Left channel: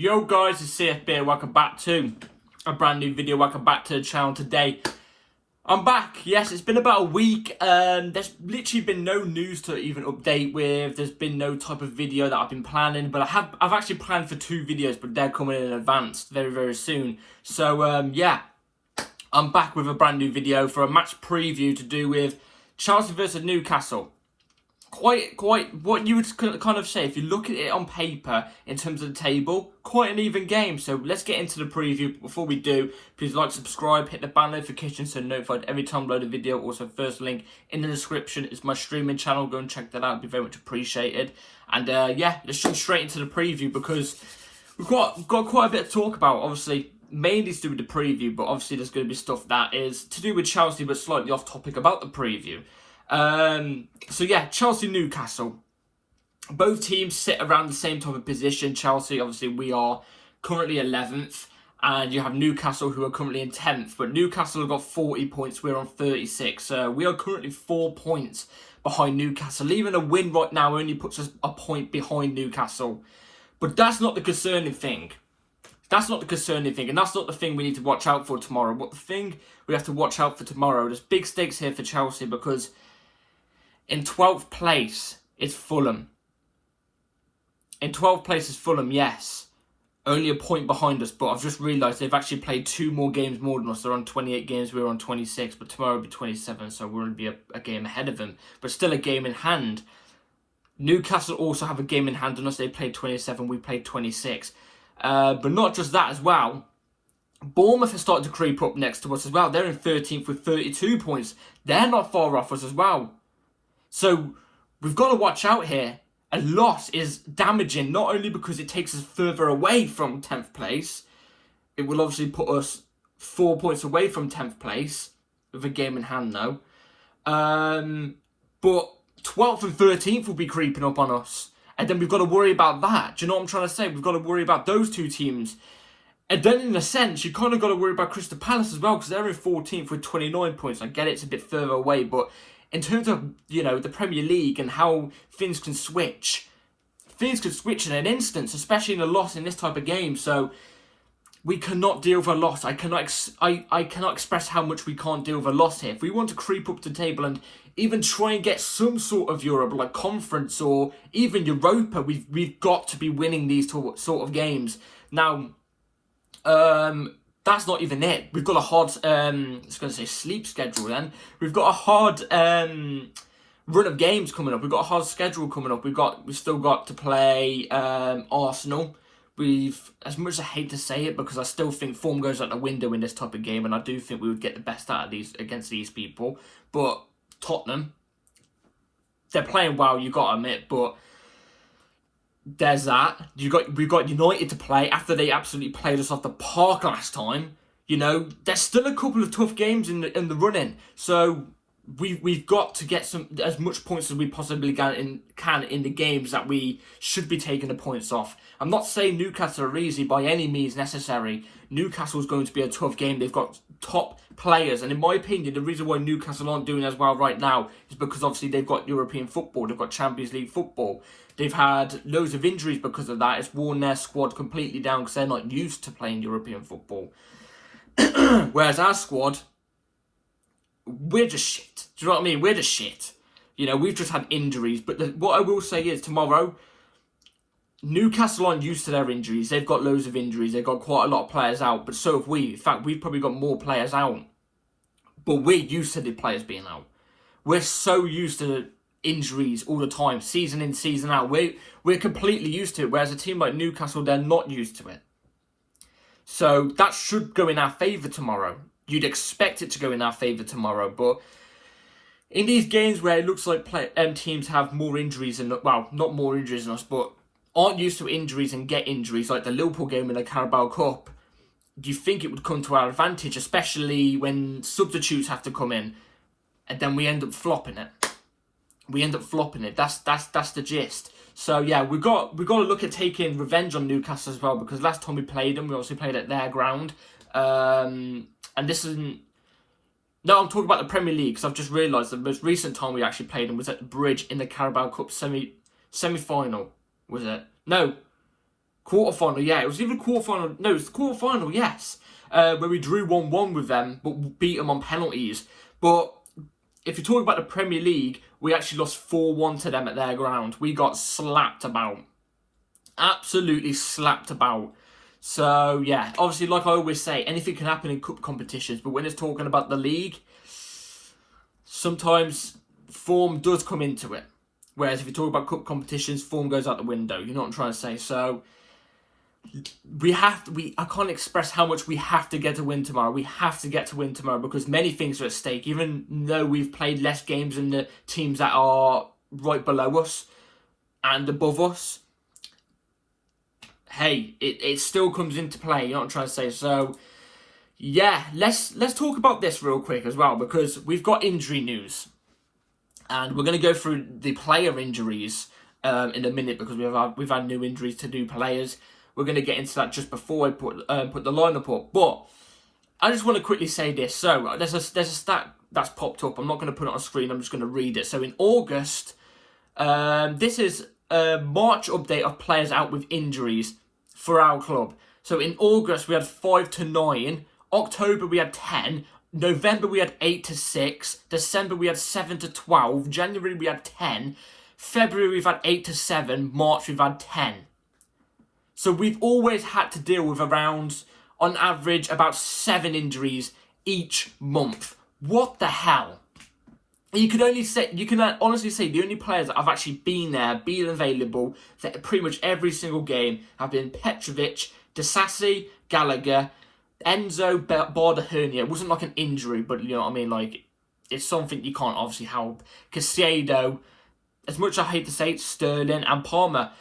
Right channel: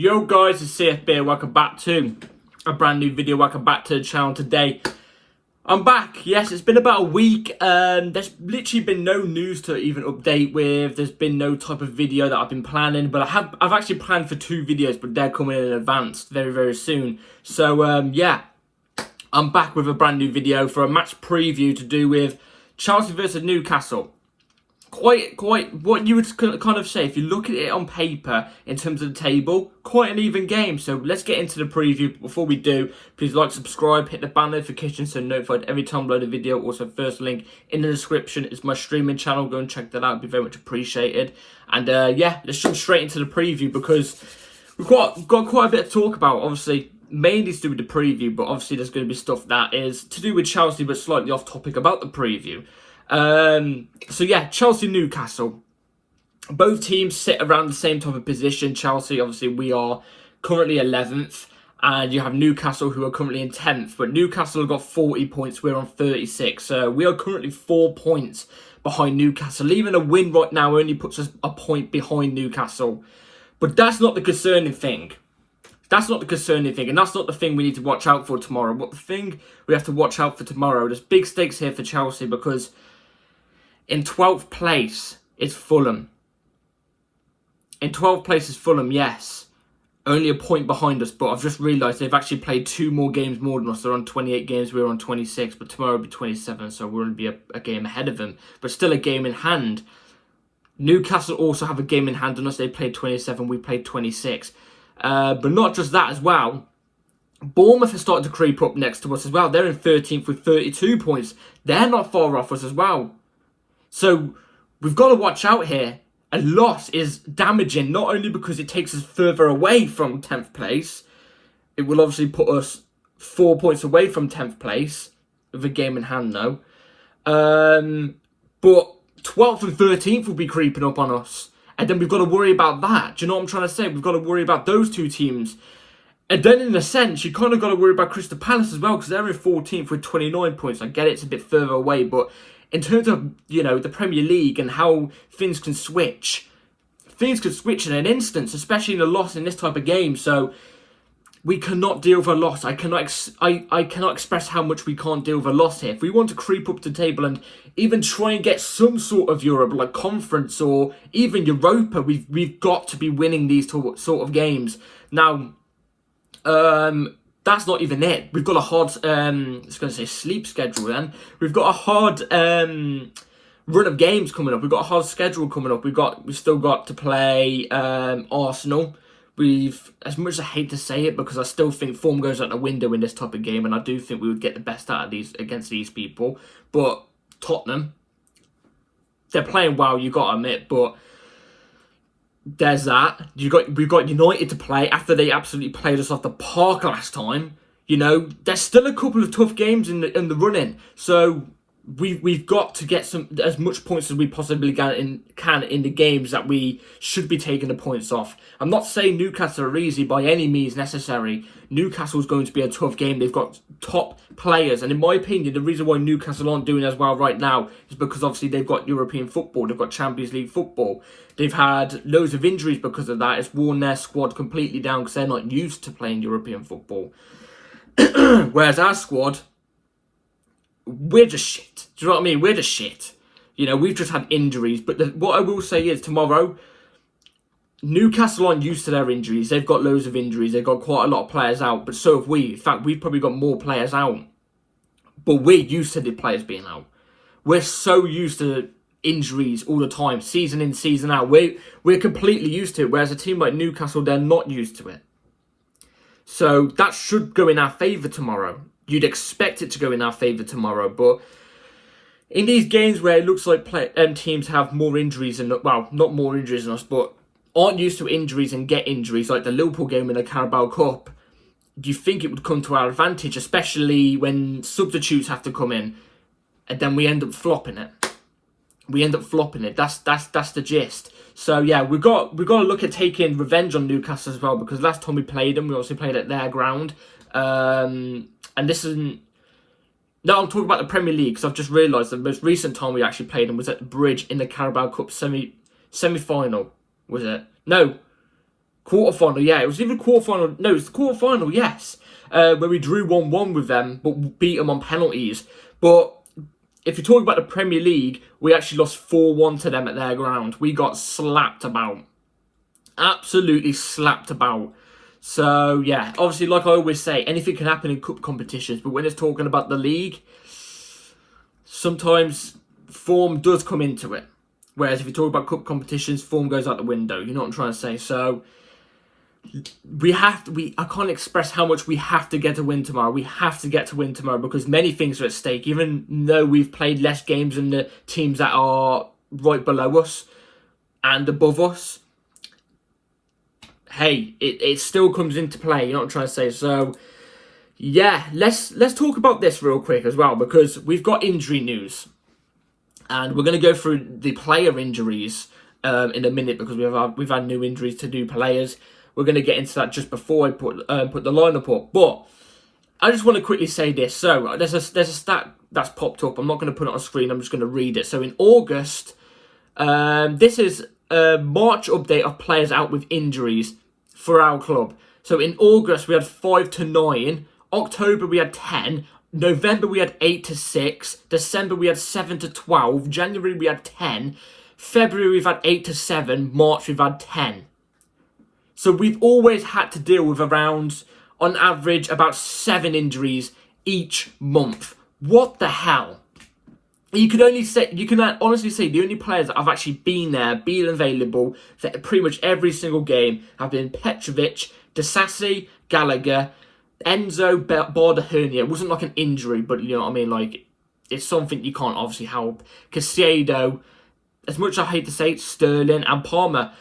Yo guys, it's CFB, welcome back to a brand new video, welcome back to the channel today. I'm back, yes, it's been about a week, there's literally been no news to even update with, there's been no type of video that I've been planning, but I've actually planned for 2 videos, but they're coming in advance very, very soon. So, yeah, I'm back with a brand new video for a match preview to do with Chelsea versus Newcastle. Quite what you would kind of say, if you look at it on paper in terms of the table, quite an even game. So let's get into the preview. Before we do, please like, subscribe, hit the bell notification so notified every time I upload a video. Also, first link in the description is my streaming channel. Go and check that out, it'd be very much appreciated. And yeah, let's jump straight into the preview because we've got quite a bit to talk about. Obviously, mainly to do with the preview, but obviously there's going to be stuff that is to do with Chelsea but slightly off topic about the preview. So yeah, Chelsea-Newcastle. Both teams sit around the same type of position. Chelsea, obviously, we are currently 11th. And you have Newcastle, who are currently in 10th. But Newcastle have got 40 points. We're on 36. So we are currently 4 points behind Newcastle. Even a win right now only puts us a point behind Newcastle. But that's not the concerning thing. That's not the concerning thing. And that's not the thing we need to watch out for tomorrow. But the thing we have to watch out for tomorrow, there's big stakes here for Chelsea because in 12th place is Fulham. In 12th place is Fulham, yes. Only a point behind us, but I've just realised they've actually played 2 more games more than us. They're on 28 games, we're on 26, but tomorrow will be 27, so we're going to be a game ahead of them. But still a game in hand. Newcastle also have a game in hand on us. They played 27, we played 26. But not just that as well. Bournemouth has started to creep up next to us as well. They're in 13th with 32 points. They're not far off us as well. So, we've got to watch out here. A loss is damaging, not only because it takes us further away from 10th place. It will obviously put us 4 points away from 10th place, with a game in hand though. But 12th and 13th will be creeping up on us. And then we've got to worry about that. Do you know what I'm trying to say? We've got to worry about those 2 teams. And then in a sense, you kind of got to worry about Crystal Palace as well, because they're in 14th with 29 points. I get it's a bit further away, but in terms of, you know, the Premier League and how things can switch in an instant, especially in a loss in this type of game. So we cannot deal with a loss. I cannot express how much we can't deal with a loss here. If we want to creep up the table and even try and get some sort of Europe, like Conference or even Europa, we've got to be winning these sort of games. Now, that's not even it. We've got a hard, I was going to say sleep schedule then. We've got a hard run of games coming up. We've got a hard schedule coming up. We've still got to play Arsenal. As much as I hate to say it, because I still think form goes out the window in this type of game, and I do think we would get the best out of these against these people. But Tottenham, they're playing well, you got to admit, but there's that. We've got United to play after they absolutely played us off the park last time. You know, there's still a couple of tough games in the running. So we've got to get as much points as we possibly can in the games that we should be taking the points off. I'm not saying Newcastle are easy by any means necessary. Newcastle's going to be a tough game. They've got top players, and in my opinion, the reason why Newcastle aren't doing as well right now is because obviously they've got European football, they've got Champions League football. They've had loads of injuries because of that. It's worn their squad completely down because they're not used to playing European football. Whereas our squad, we're just shit. Do you know what I mean? We're just shit. You know, we've just had injuries. But what I will say is tomorrow, Newcastle aren't used to their injuries. They've got loads of injuries. They've got quite a lot of players out. But so have we. In fact, we've probably got more players out. But we're used to the players being out. We're so used to injuries all the time, season in, season out. We're completely used to it, whereas a team like Newcastle, they're not used to it. So that should go in our favour tomorrow. You'd expect it to go in our favour tomorrow, but in these games where it looks like teams have more injuries, and well, not more injuries than us, but aren't used to injuries and get injuries, like the Liverpool game in the Carabao Cup, do you think it would come to our advantage, especially when substitutes have to come in, and then we end up flopping it? That's the gist. So yeah, we've got to look at taking revenge on Newcastle as well, because last time we played them, we obviously played at their ground. And this isn't. No, I'm talking about the Premier League, because I've just realised the most recent time we actually played them was at the Bridge in the Carabao Cup semi-final. Was it? No, quarterfinal. Yeah, it was either quarterfinal. No, it was the quarterfinal. Yes, where we drew 1-1 with them, but beat them on penalties. But if you're talking about the Premier League, we actually lost 4-1 to them at their ground. We got slapped about. Absolutely slapped about. So, yeah, obviously, like I always say, anything can happen in cup competitions. But when it's talking about the league, sometimes form does come into it. Whereas if you talk about cup competitions, form goes out the window. You know what I'm trying to say? So, I can't express how much we have to get to win tomorrow. We have to get to win tomorrow because many things are at stake. Even though we've played less games than the teams that are right below us and above us, hey, it still comes into play. You know what I'm trying to say? So, yeah, let's talk about this real quick as well because we've got injury news. And we're going to go through the player injuries in a minute because we've had new injuries to new players. We're going to get into that just before I put the lineup up. But I just want to quickly say this. So there's a stat that's popped up. I'm not going to put it on screen. I'm just going to read it. So in August, this is a March update of players out with injuries for our club. So in August, we had 5 to 9. October, we had 10. November, we had 8 to 6. December, we had 7 to 12. January, we had 10. February, we've had 8 to 7. March, we've had 10. So we've always had to deal with around, on average, about 7 injuries each month. What the hell? You can honestly say the only players that have actually been there, been available for pretty much every single game have been Petrovic, Disasi, Gallagher, Enzo, Barda. It wasn't like an injury, but you know what I mean? Like, it's something you can't obviously help. Casado, as much as I hate to say it, Sterling and Palmer.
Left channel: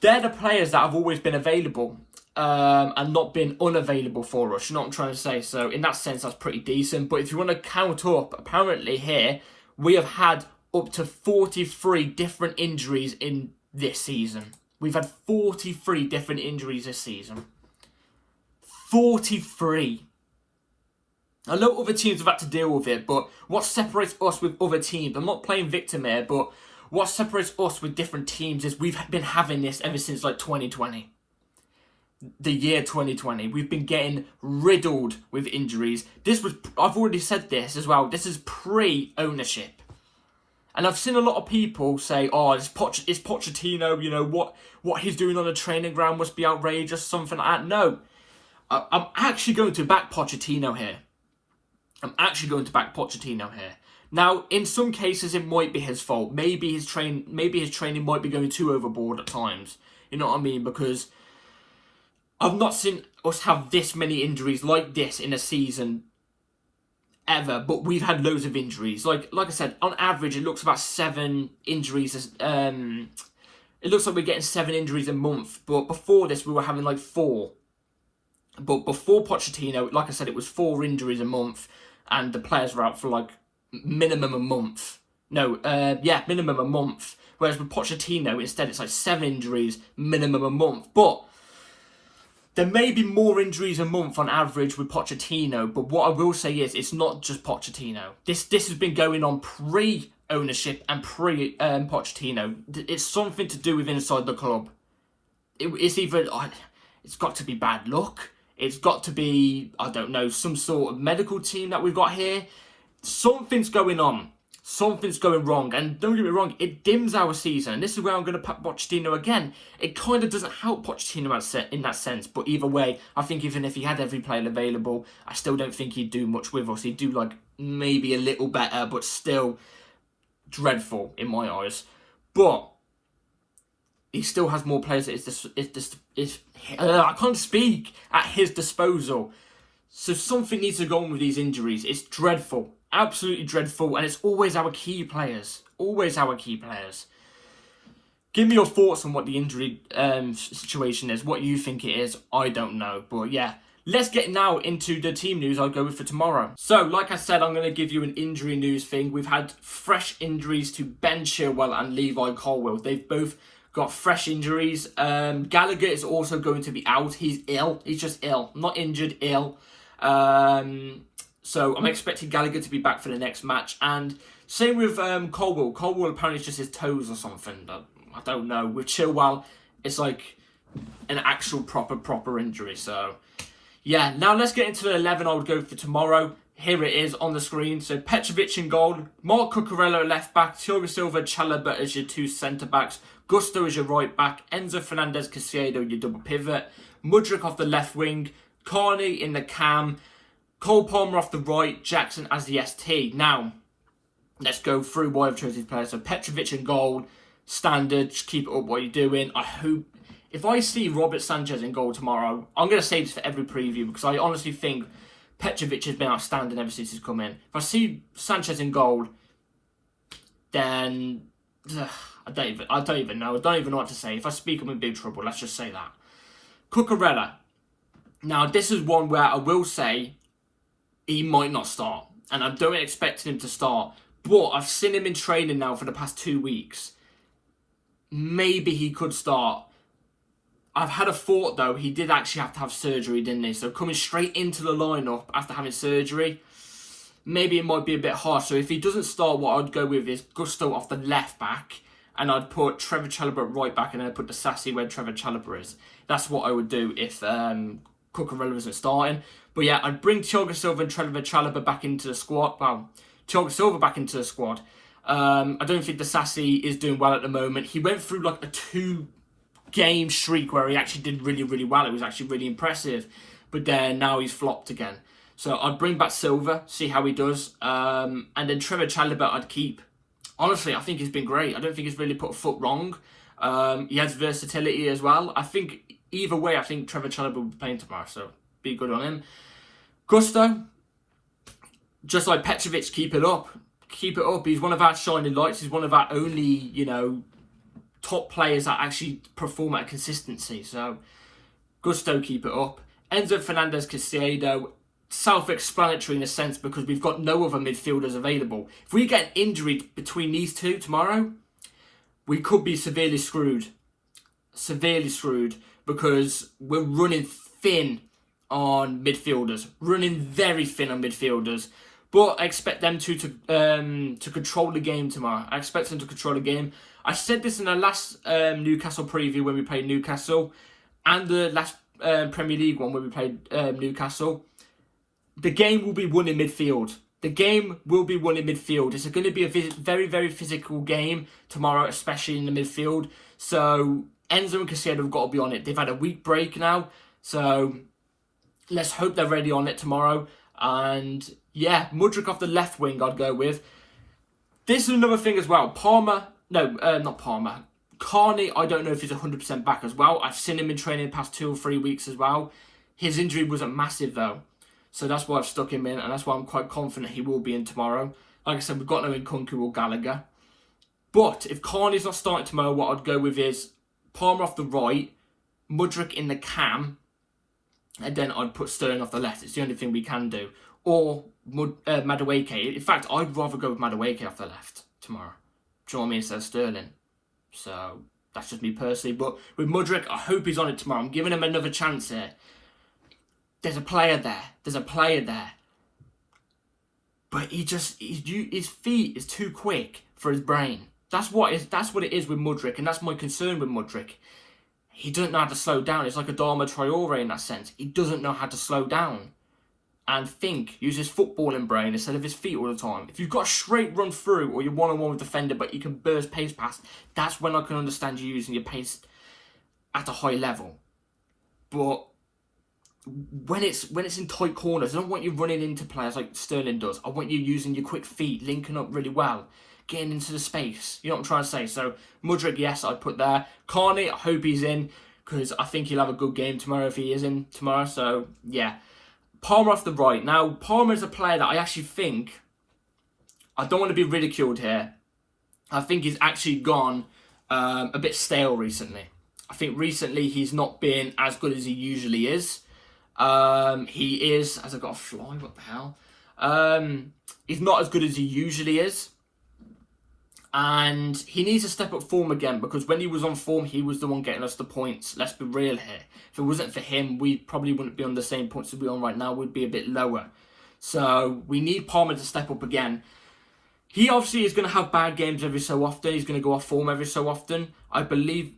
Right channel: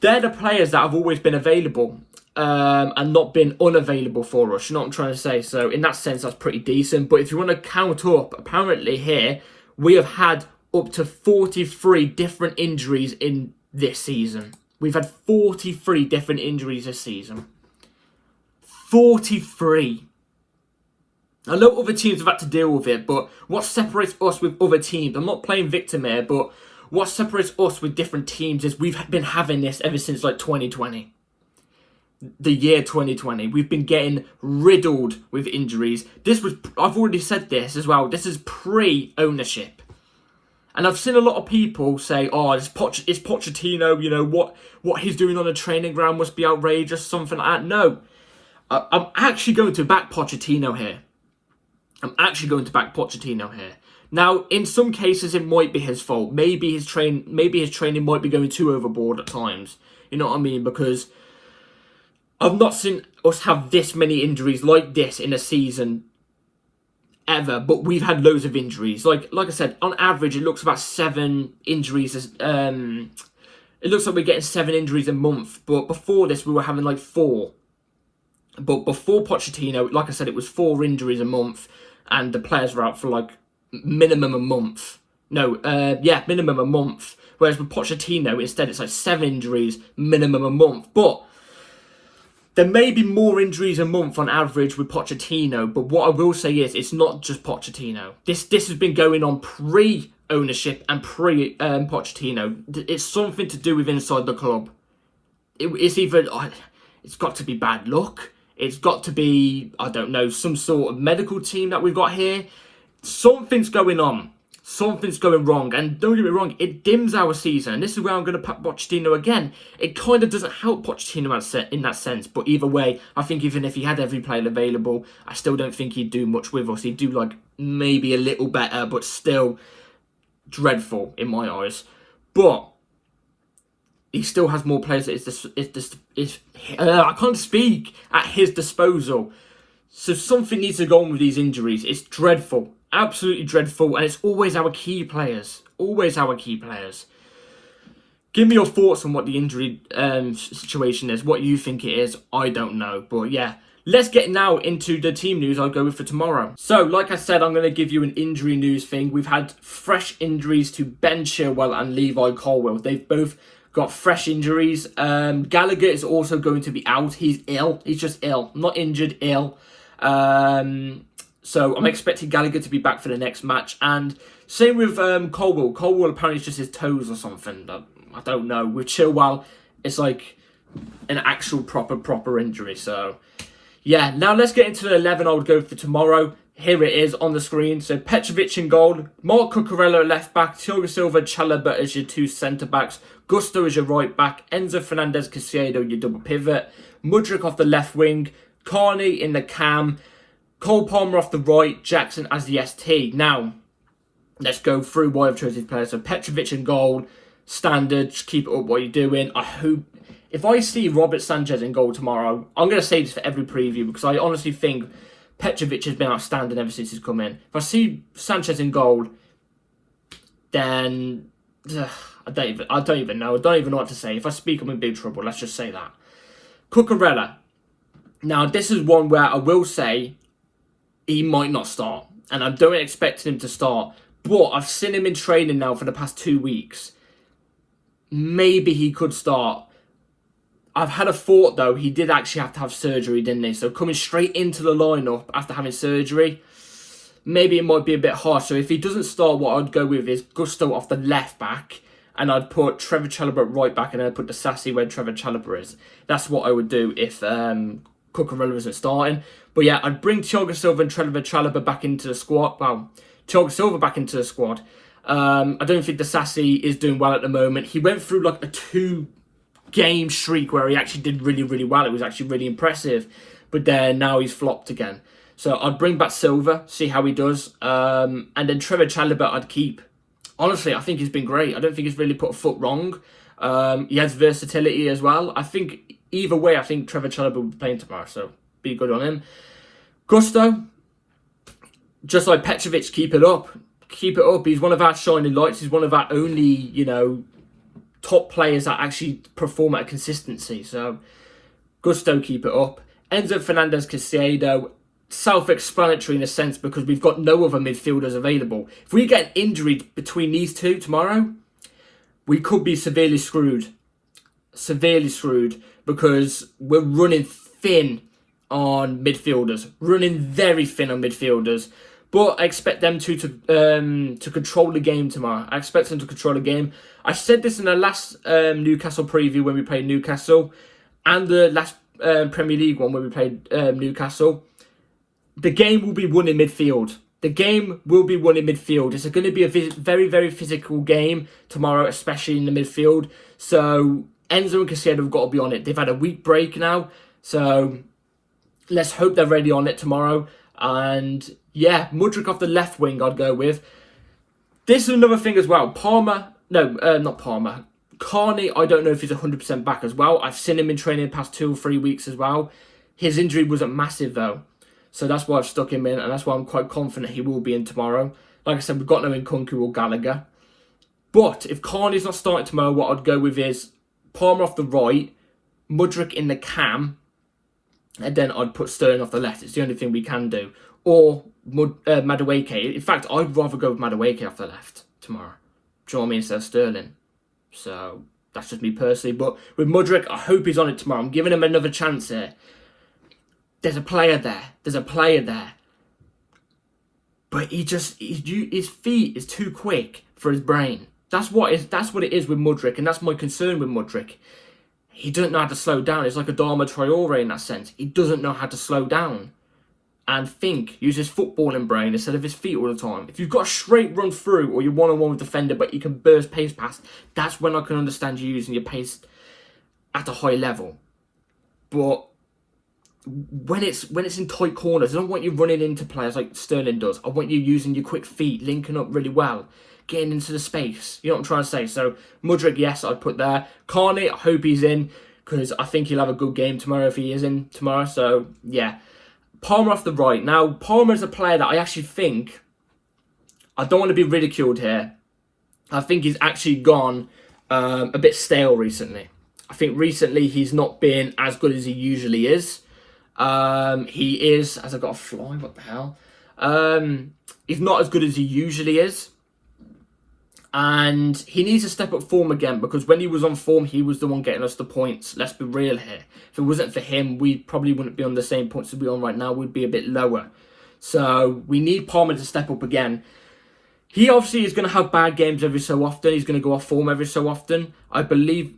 They're the players that have always been available and not been unavailable for us. You know what I'm trying to say? So, in that sense, that's pretty decent. But if you want to count up, apparently here, we have had up to 43 different injuries in this season. We've had 43 different injuries this season. 43. I know other teams have had to deal with it, but what separates us with other teams, I'm not playing victim here, but what separates us with different teams is we've been having this ever since like 2020. The year 2020. We've been getting riddled with injuries. I've already said this as well, this is pre-ownership. And I've seen a lot of people say, oh, it's Pochettino, you know, what he's doing on the training ground must be outrageous, something like that. No. I'm actually going to back Pochettino here. Now, in some cases, it might be his fault. Maybe his training might be going too overboard at times. You know what I mean? Because I've not seen us have this many injuries like this in a season ever. But we've had loads of injuries. Like I said, on average, it looks about 7 injuries. It looks like we're getting 7 injuries a month. But before this, we were having like 4. But before Pochettino, like I said, it was 4 injuries a month, and the players were out for like minimum a month. Minimum a month. Whereas with Pochettino, instead, it's like 7 injuries, minimum a month. But there may be more injuries a month on average with Pochettino. But what I will say is, it's not just Pochettino. This has been going on pre-ownership and pre-Pochettino. It's something to do with inside the club. It's got to be bad luck. It's got to be, I don't know, some sort of medical team that we've got here. Something's going on. Something's going wrong. And don't get me wrong, it dims our season. And this is where I'm going to pack Pochettino again. It kind of doesn't help Pochettino in that sense. But either way, I think even if he had every player available, I still don't think he'd do much with us. He'd do like maybe a little better, but still dreadful in my eyes. But he still has more players I can't speak, at his disposal. So something needs to go on with these injuries. It's dreadful. Absolutely dreadful. And it's always our key players. Always our key players. Give me your thoughts on what the injury situation is. What you think it is. I don't know. But yeah. Let's get now into the team news I'll go with for tomorrow. So, like I said, I'm going to give you an injury news thing. We've had fresh injuries to Ben Chilwell and Levi Colwill. They've both got fresh injuries. Gallagher is also going to be out. He's ill. He's just ill. Not injured, ill. So I'm expecting Gallagher to be back for the next match. And same with Colwill. Colwill apparently it's just his toes or something. I don't know. With Chilwell, it's like an actual proper injury. So, yeah, now let's get into the 11 I would go for tomorrow. Here it is on the screen. So, Petrovic in goal, Mark Cucurella at left back, Thiago Silva, Chalobah as your two centre-backs, Gusto as your right back, Enzo Fernandez, Caicedo your double pivot, Mudryk off the left wing, Carney in the cam, Cole Palmer off the right, Jackson as the ST. Now, let's go through why I've chosen these players. So, Petrovic in goal, standard, just keep it up what you're doing. I hope, if I see Robert Sanchez in goal tomorrow, I'm going to say this for every preview because I honestly think Petrovic has been outstanding ever since he's come in. If I see Sanchez in goal, then I don't even know. I don't even know what to say. If I speak, I'm in big trouble. Let's just say that. Cucurella. Now, this is one where I will say he might not start, and I don't expect him to start. But I've seen him in training now for the past 2 weeks. Maybe he could start. I've had a thought, though. He did actually have to have surgery, didn't he? So coming straight into the lineup after having surgery, maybe it might be a bit harsh. So if he doesn't start, what I'd go with is Gusto off the left back, and I'd put Trevor Chalobah at right back, and then I'd put the Sassy where Trevor Chalobah is. That's what I would do if Cucurella isn't starting. But yeah, I'd bring Thiago Silva and Trevor Chalobah back into the squad. Well, Thiago Silva back into the squad. I don't think the Sassy is doing well at the moment. He went through like a 2-game streak where he actually did really well. It was actually really impressive. But then now he's flopped again. So I'd bring back Silva, see how he does. And then Trevor Chalobah I'd keep. Honestly, I think he's been great. I don't think he's really put a foot wrong. He has versatility as well. I think either way, I think Trevor Chalobah will be playing tomorrow. So be good on him. Gusto, just like Petrovic, keep it up. Keep it up. He's one of our shining lights. He's one of our only, top players that actually perform at a consistency. So, Gusto, keep it up. Enzo Fernandez, Caicedo, self-explanatory in a sense because we've got no other midfielders available. If we get an injury between these two tomorrow, we could be severely screwed. Severely screwed because we're running thin on midfielders. Running very thin on midfielders. But I expect them to control the game tomorrow. I expect them to control the game. I said this in the last Newcastle preview when we played Newcastle, and the last Premier League one when we played Newcastle. The game will be won in midfield. The game will be won in midfield. It's going to be a very physical game tomorrow, especially in the midfield. So Enzo and Caicedo have got to be on it. They've had a week break now, so let's hope they're ready on it tomorrow. And yeah, Mudryk off the left wing I'd go with. This is another thing as well. Not Palmer. Carney, I don't know if he's 100% back as well. I've seen him in training the past 2 or 3 weeks as well. His injury wasn't massive though. So that's why I've stuck him in, and that's why I'm quite confident he will be in tomorrow. Like I said, we've got no Nkunku or Gallagher. But if Carney's not starting tomorrow, what I'd go with is Palmer off the right, Mudryk in the cam, and then I'd put Sterling off the left. It's the only thing we can do. Or Madueke. In fact, I'd rather go with Madueke off the left tomorrow. Do you know what I mean? Instead of Sterling. So, that's just me personally. But with Mudryk, I hope he's on it tomorrow. I'm giving him another chance here. There's a player there. But his feet is too quick for his brain. That's what it is with Mudryk. And that's my concern with Mudryk. He doesn't know how to slow down. It's like a Adama Traore in that sense. He doesn't know how to slow down and think, use his footballing brain instead of his feet all the time. If you've got a straight run through or you're one-on-one with defender but you can burst pace past, that's when I can understand you using your pace at a high level. But when it's in tight corners, I don't want you running into players like Sterling does. I want you using your quick feet, linking up really well, getting into the space. You know what I'm trying to say? So, Mudryk, yes, I'd put there. Carney, I hope he's in, because I think he'll have a good game tomorrow if he is in tomorrow. So, yeah. Palmer off the right. Now, Palmer is a player that I actually think, I don't want to be ridiculed here, I think he's actually gone a bit stale recently. I think recently he's not been as good as he usually is. He is, as I got a fly, what the hell? He's not as good as he usually is. And he needs to step up form again, because when he was on form, he was the one getting us the points. Let's be real here. If it wasn't for him, we probably wouldn't be on the same points as we're on right now. We'd be a bit lower. So we need Palmer to step up again. He obviously is going to have bad games every so often. He's going to go off form every so often. I believe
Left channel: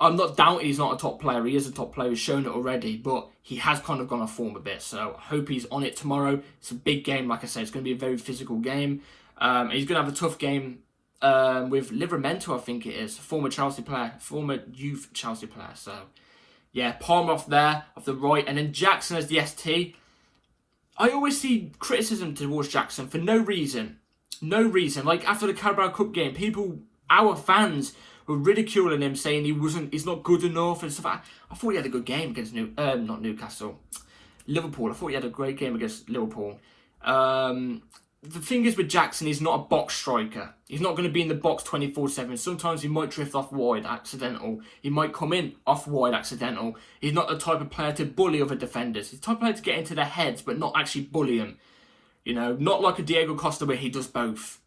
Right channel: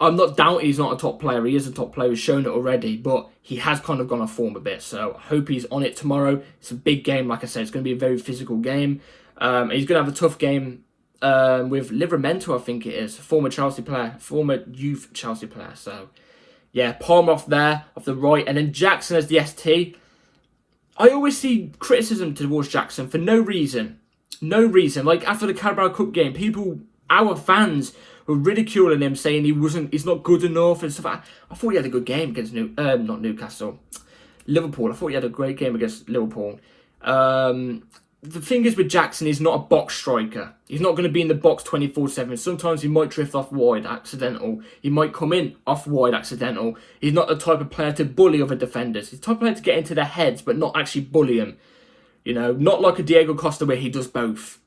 I'm not doubting he's not a top player. He is a top player. He's shown it already. But he has kind of gone off form a bit. So I hope he's on it tomorrow. It's a big game. Like I said, it's going to be a very physical game. He's going to have a tough game with Livramento, I think it is. Former Chelsea player. Former youth Chelsea player. So, yeah, Palmer off there, off the right. And then Jackson as the ST. I always see criticism towards Jackson for no reason. No reason. Like, after the Carabao Cup game, our fans were ridiculing him, saying he's not good enough and stuff. I thought he had a good game against not Newcastle, Liverpool. I thought he had a great game against Liverpool. The thing is with Jackson, he's not a box striker. He's not going to be in the box 24/7. Sometimes he might drift off wide, accidental. He might come in off wide, accidental. He's not the type of player to bully other defenders. He's the type of player to get into their heads, but not actually bully them. You know, not like a Diego Costa where he does both.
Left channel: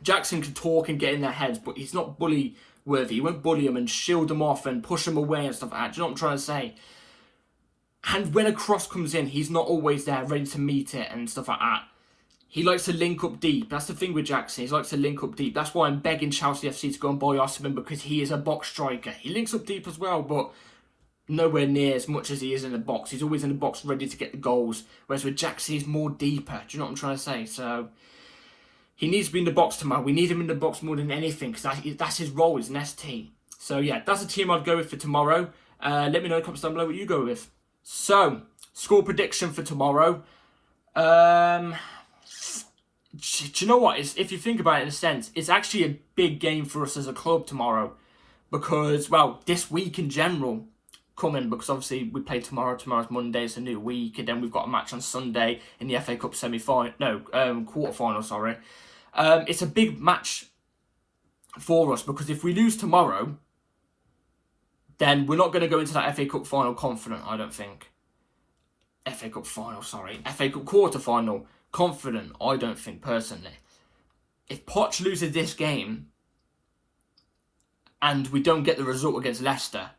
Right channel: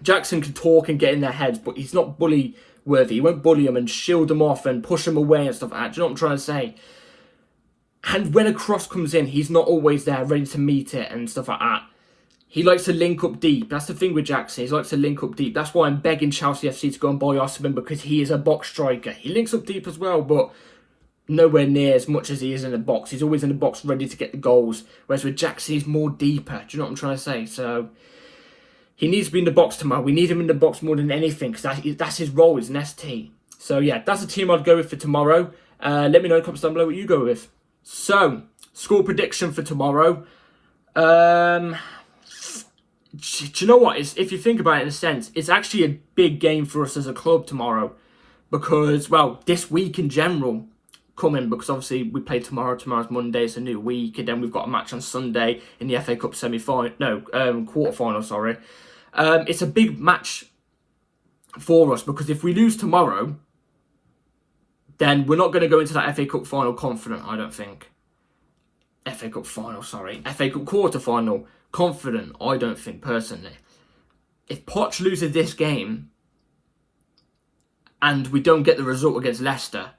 Jackson can talk and get in their heads, but he's not bully worthy. He won't bully them and shield them off and push them away and stuff like that. Do you know what I'm trying to say? And when a cross comes in, he's not always there ready to meet it and stuff like that. He likes to link up deep. That's the thing with Jackson. He likes to link up deep. That's why I'm begging Chelsea FC to go and buy Osimhen, because he is a box striker. He links up deep as well, but nowhere near as much as he is in the box. He's always in the box ready to get the goals. Whereas with Jackson, he's more deeper. Do you know what I'm trying to say? So he needs to be in the box tomorrow. We need him in the box more than anything, because that's his role. He's an ST. So yeah, that's the team I'd go with for tomorrow. Let me know in the comments down below what you go with. So, score prediction for tomorrow. Do you know what? If you think about it in a sense, it's actually a big game for us as a club tomorrow. Because, well, this week in general coming, because obviously we play tomorrow. Tomorrow's Monday, it's a new week. And then we've got a match on Sunday in the FA Cup quarter-final, sorry. It's a big match for us, because if we lose tomorrow, then we're not going to go into that FA Cup final confident, I don't think. FA Cup quarter-final confident, I don't think, personally. If Poch loses this game and we don't get the result against Leicester,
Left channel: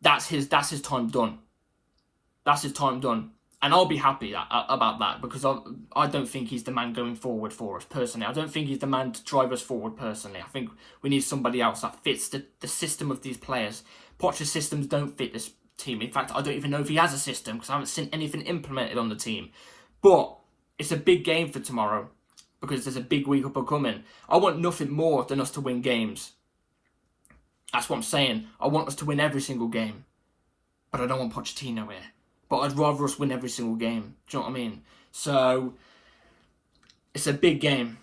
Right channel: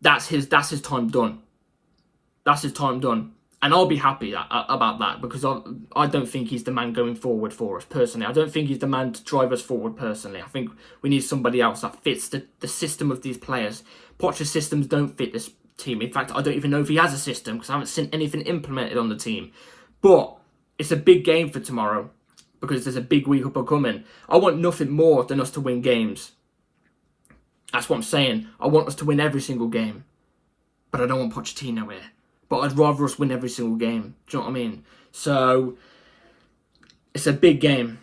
that's his time done. That's his time done. And I'll be happy about that, because I don't think he's the man going forward for us, personally. I don't think he's the man to drive us forward, personally. I think we need somebody else that fits the system of these players. Poch's systems don't fit this team. In fact, I don't even know if he has a system, because I haven't seen anything implemented on the team. But it's a big game for tomorrow, because there's a big week up and coming. I want nothing more than us to win games. That's what I'm saying. I want us to win every single game. But I don't want Pochettino here. But I'd rather us win every single game. Do you know what I mean? So, it's a big game.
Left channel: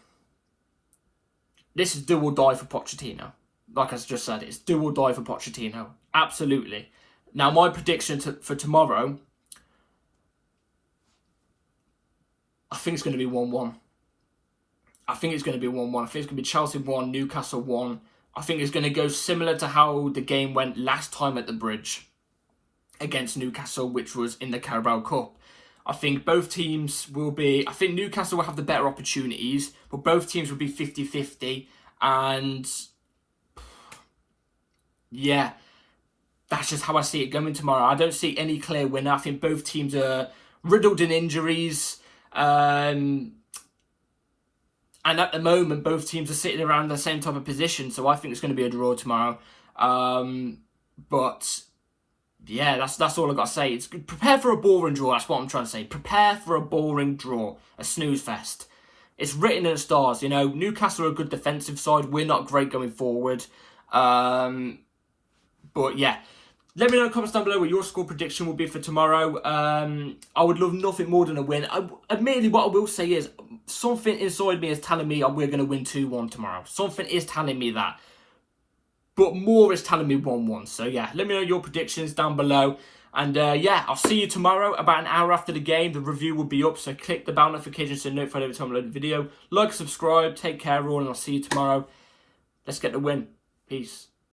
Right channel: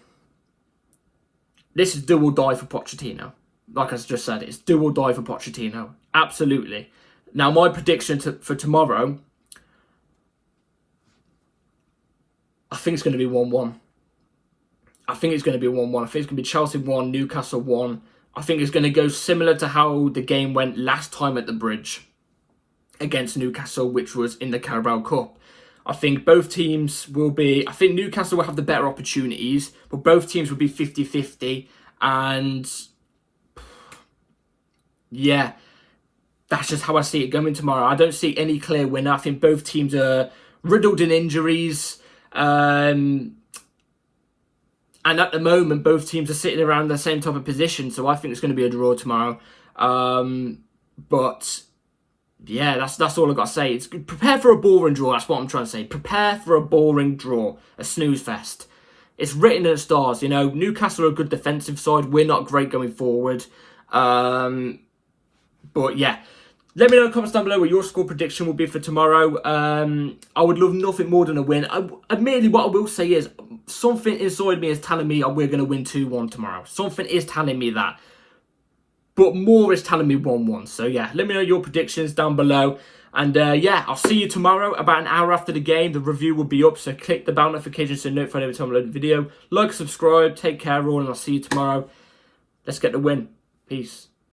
This is do or die for Pochettino. Like I just said, it's do or die for Pochettino. Absolutely. Now, my prediction for tomorrow, I think it's going to be 1-1. I think it's going to be 1-1. I think it's going to be Chelsea 1, Newcastle 1. I think it's going to go similar to how the game went last time at the Bridge against Newcastle, which was in the Carabao Cup. I think both teams will be... I think Newcastle will have the better opportunities, but both teams will be 50-50. And yeah, that's just how I see it going tomorrow. I don't see any clear winner. I think both teams are riddled in injuries. And at the moment, both teams are sitting around the same type of position. So I think it's going to be a draw tomorrow. But yeah, that's all I've got to say. It's prepare for a boring draw. That's what I'm trying to say. Prepare for a boring draw. A snooze fest. It's written in the stars. You know, Newcastle are a good defensive side. We're not great going forward. But yeah. Let me know in the comments down below what your score prediction will be for tomorrow. I would love nothing more than a win. Admittedly, what I will say is, something inside me is telling me we're going to win 2-1 tomorrow. Something is telling me that. But more is telling me 1-1. So yeah, let me know your predictions down below. And yeah, I'll see you tomorrow about an hour after the game. The review will be up, so click the bell notification so you're notified every time I load a video. Like, subscribe, take care all, and I'll see you tomorrow. Let's get the win. Peace.